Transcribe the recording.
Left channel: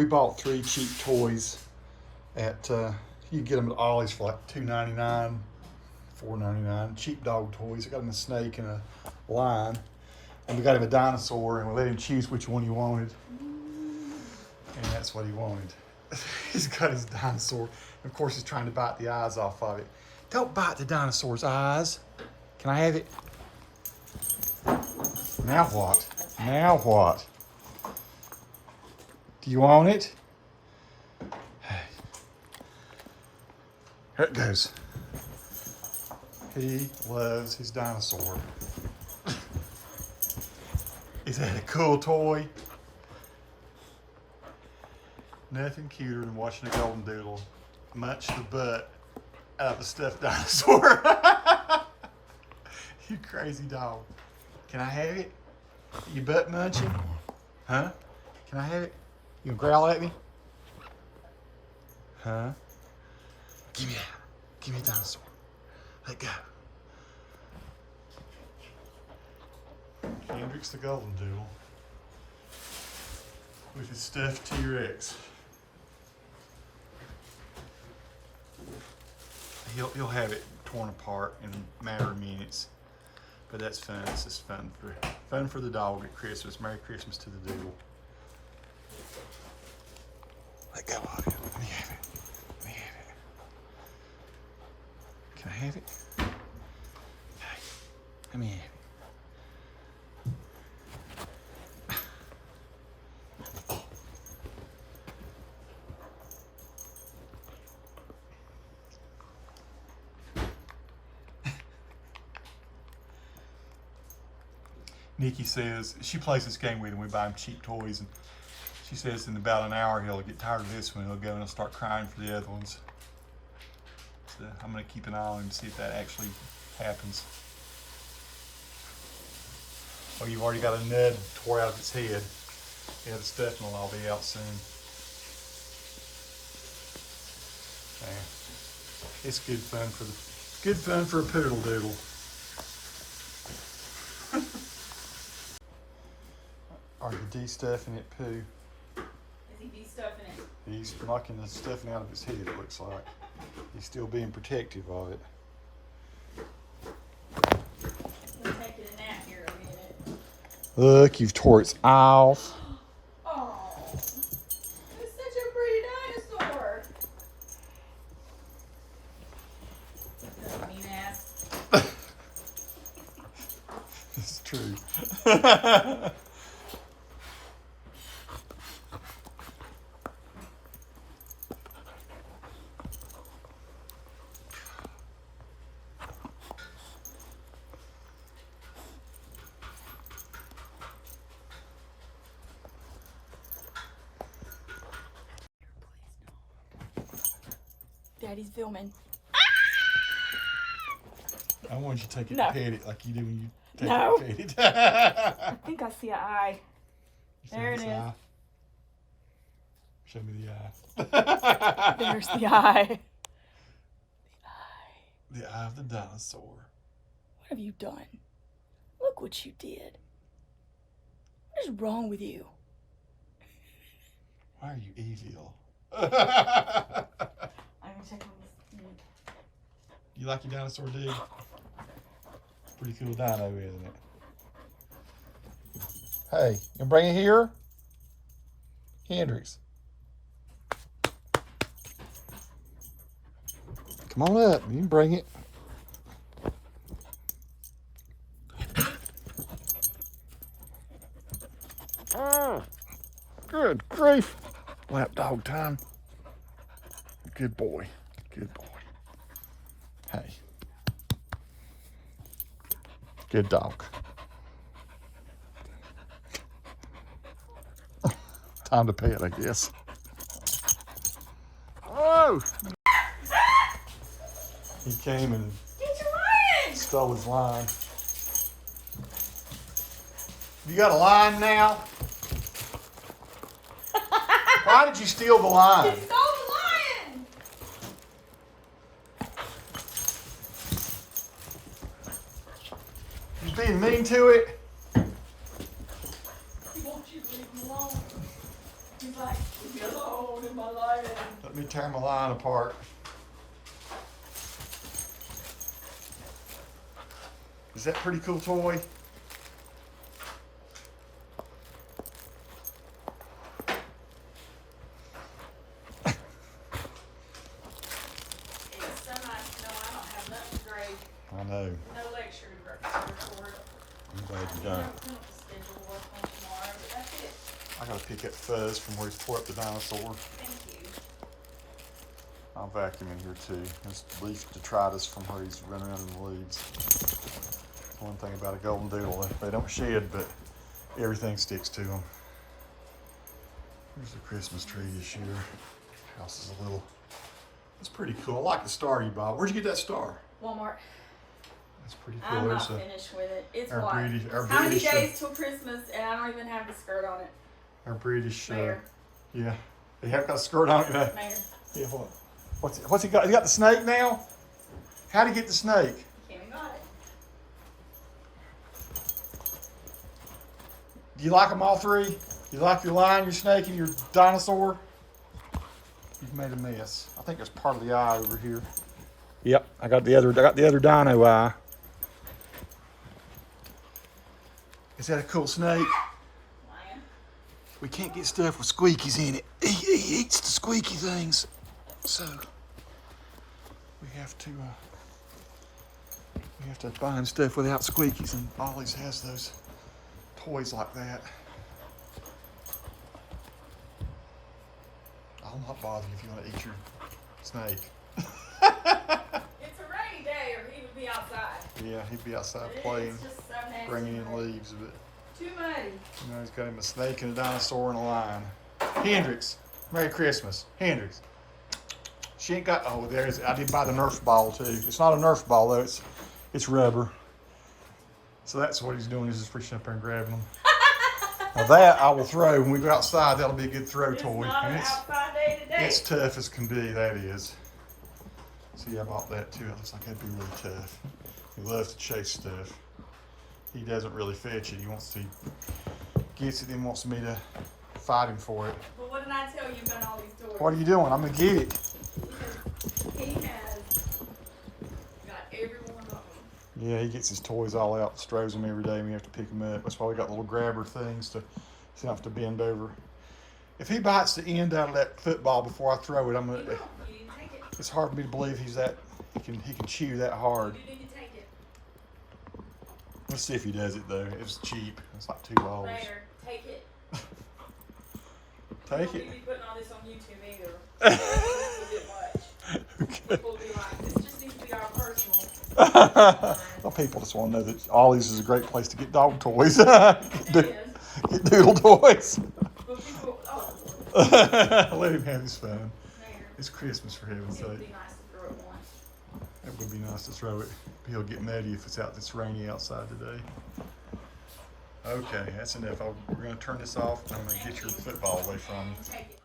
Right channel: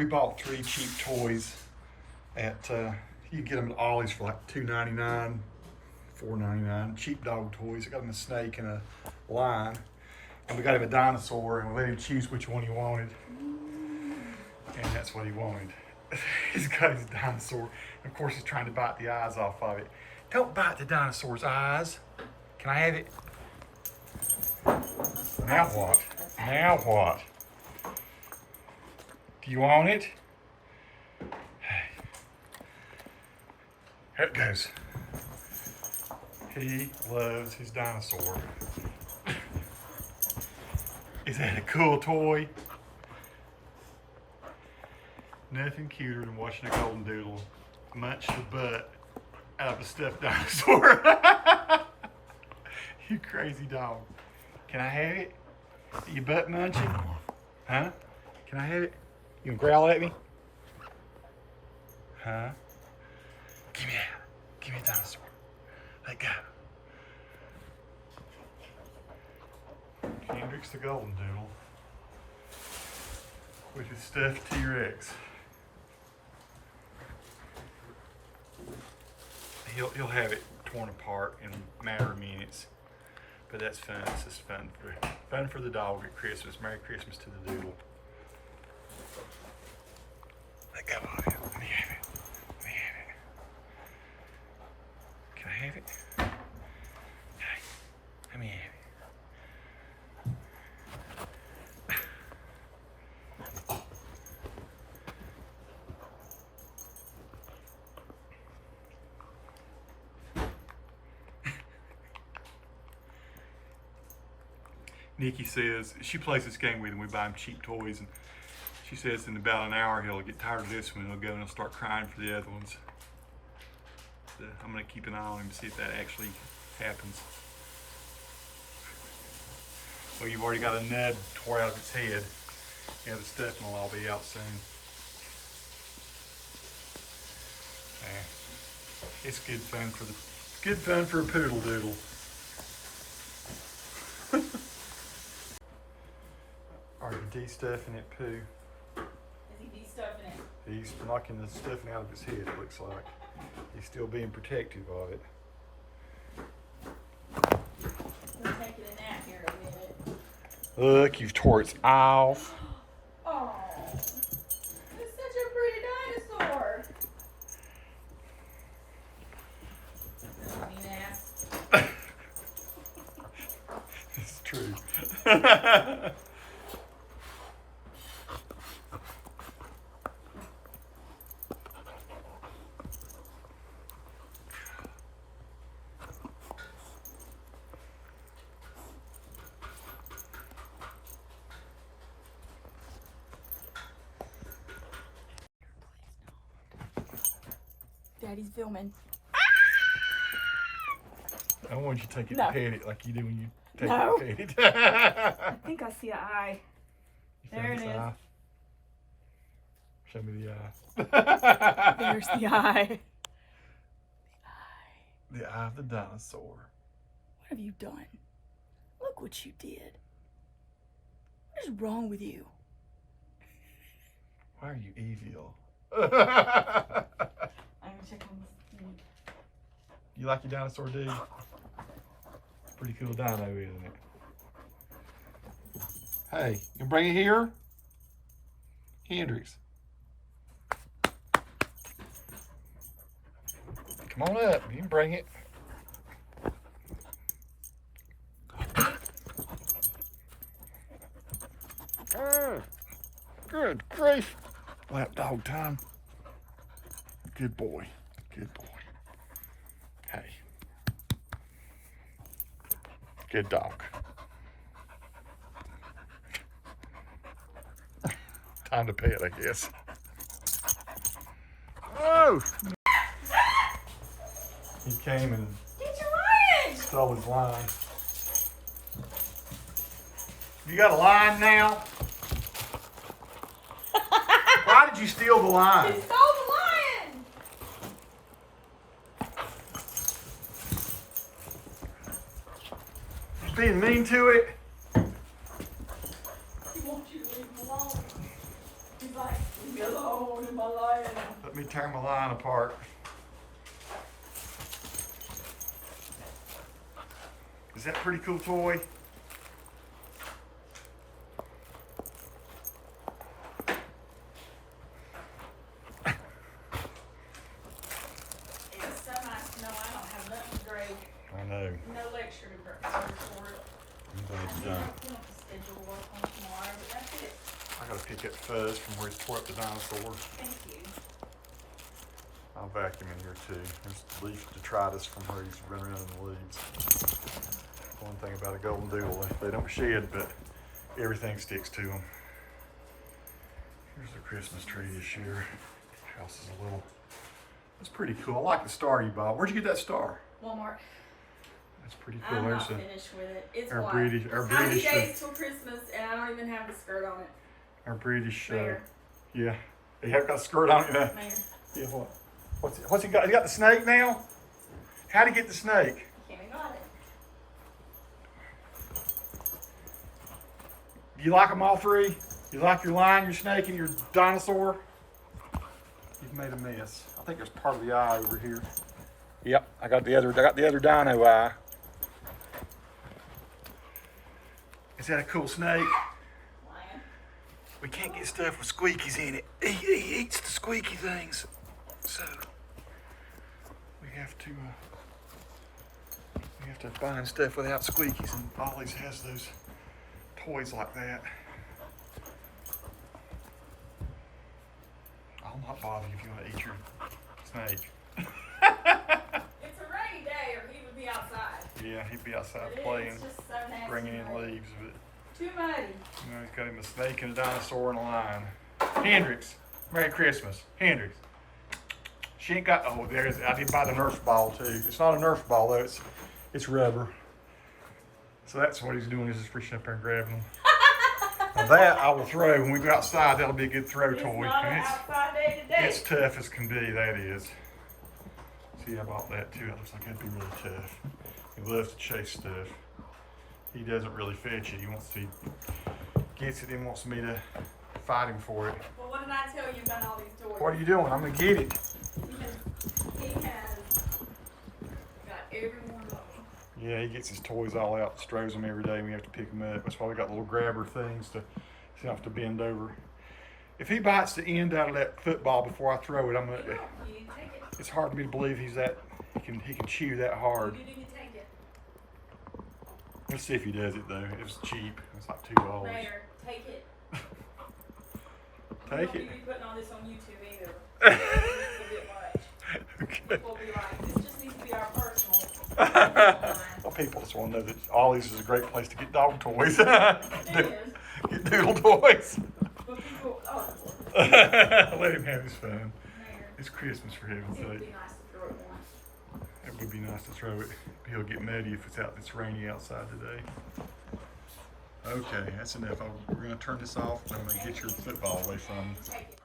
We bought 3 cheap toys at, you can get them at Ollie's for like $2.99, $4.99. Cheap dog toys. I got him a snake and a lion. And we got him a dinosaur, and we let him choose which one he wanted. And that's what he wanted. He's got his dinosaur. And of course, he's trying to bite the eyes off of it. Don't bite the dinosaur's eyes. Can I have it? Now what? Now what? Do you want it? Hey. Here it goes. He loves his dinosaur. Is that a cool toy? Nothing cuter than watching a Goldendoodle munch the butt out of a stuffed dinosaur. You crazy dog. Can I have it? You butt munching? Huh? Can I have it? You gonna growl at me? Huh? Give me that. Give me a dinosaur. Let go. Hendrix the Goldendoodle with his stuffed T-Rex. He'll have it torn apart in a matter of minutes, but that's fun. It's just fun for the dog at Christmas. Merry Christmas to the doodle. Let go of it. Let me have it. Let me have it. Can I have it? Hey, let me have it. Nikki says, she plays this game with him, we buy him cheap toys, and she says in about an hour he'll get tired of this one, he'll go and he'll start crying for the other ones. So I'm gonna keep an eye on him to see if that actually happens. Oh, you've already got a nub tore out of its head. Yeah, the stuffing will all be out soon. Yeah. It's good fun for a poodle doodle. Are you de-stuffing it, Pooh? Is he de-stuffing it? He's knocking the stuffing out of his head, it looks like. He's still being protective of it. We're taking a nap here a minute. Look, you've tore its eye off. Oh, it's such a pretty dinosaur. Mean ass. This is true. Daddy's filming. I want you to take it No. and pet it like you do when you take No. it and pet it. I think I see an eye. You There found it its is. eye? Show me the eye. There's the eye. The eye of the dinosaur. What have you done? Look what you did. What is wrong with you? Why are you evil? I'm gonna check on this. You like your dinosaur, dude? Pretty cool dino, isn't it? Hey, you gonna bring it here? Hendrix. Come on up, you can bring it. Good grief. Lap dog time. Good boy. Good boy. Hey. Good dog. Time to pet, I guess. Oh! He came and Get your lion! stole his line. You got a line now? Why did you steal the line? He stole the lion! You being mean to it? He wants you to leave him alone. He's like, Go in my life. Let me tear my line apart. Is that a pretty cool toy? I know. No lecture for it. I'm glad you're done. You want to schedule work on tomorrow, but that's it. I gotta pick up Fuzz from where he tore up the dinosaur. Thank you. I'll vacuum in here too. There's leaf detritus from where he's running around in the weeds. One thing about a Goldendoodle, they don't shed, but everything sticks to them. Here's the Christmas tree this year. House is a little, it's pretty cool. I like the star you bought. Where'd you get that star? Walmart. That's pretty cool. I'm There's not a, finished with it. It's our white. British- our How many British, days till Christmas and I don't even have the skirt on it. our British, There. yeah. They have got a skirt on it. There. Yeah, what's he got? He got the snake now? How'd he get the snake? Kenny got it. You like them all three? You like your lion, your snake, and your dinosaur? You've made a mess. I think there's part of the eye over here. Yep, I got the other dino eye. Is that a cool snake? Lion. We can't get stuff with squeakies in it. He eats the squeaky things. So we have to find stuff without squeakies, and Ollie's has those toys like that. I'll not bother if you want to eat your snake. It's a rainy day or he would be outside. Yeah, he'd be outside It is. playing, It's just so nasty. bringing in muddy. leaves. But Too muddy. you know, he's got him a snake and a dinosaur and a lion. Hendrix, Merry Christmas. Hendrix. She ain't got. Oh, there's. I did buy the Nerf ball too. It's not a Nerf ball though. It's rubber. So that's what he's doing. Is just reaching up there and grabbing them. Now that I will throw when we go outside. That'll be a good throw It's toy. not And an outside day today. it's tough as can be. That is. See, I bought that too. It looks like that'd be really tough. He loves to chase stuff. He doesn't really fetch it. He wants to. Gets it and wants me to fight him for it. But what did I tell you about all these toys? What are you doing? I'm gonna get it. Because he has got every one of them. Yeah, he gets his toys all out, throws them every day, and we have to pick them up. That's why we got little grabber things to, so you don't have to bend over. If he bites the end out of that football before I throw it, I'm gonna. You didn't take it. It's hard for me to believe he's that. He can chew that hard. You didn't take it. Let's see if he does it though. It was cheap. It's like $2. Mayor, take it. Take You it. won't be putting all this on YouTube either. This is a bit much. Okay. People will be like, this just needs to be our personal. Well, people just want to know that Ollie's is a great place to get dog toys. It Get doodle toys. But people, oh, Let him have his fun. Mayor, It's Christmas for heaven's it would sake. be nice to throw it once. It would be nice to throw it. He'll get muddy if it's rainy outside today. Okay, that's enough. We're gonna turn this off. I'm gonna get your football away from you. Take it.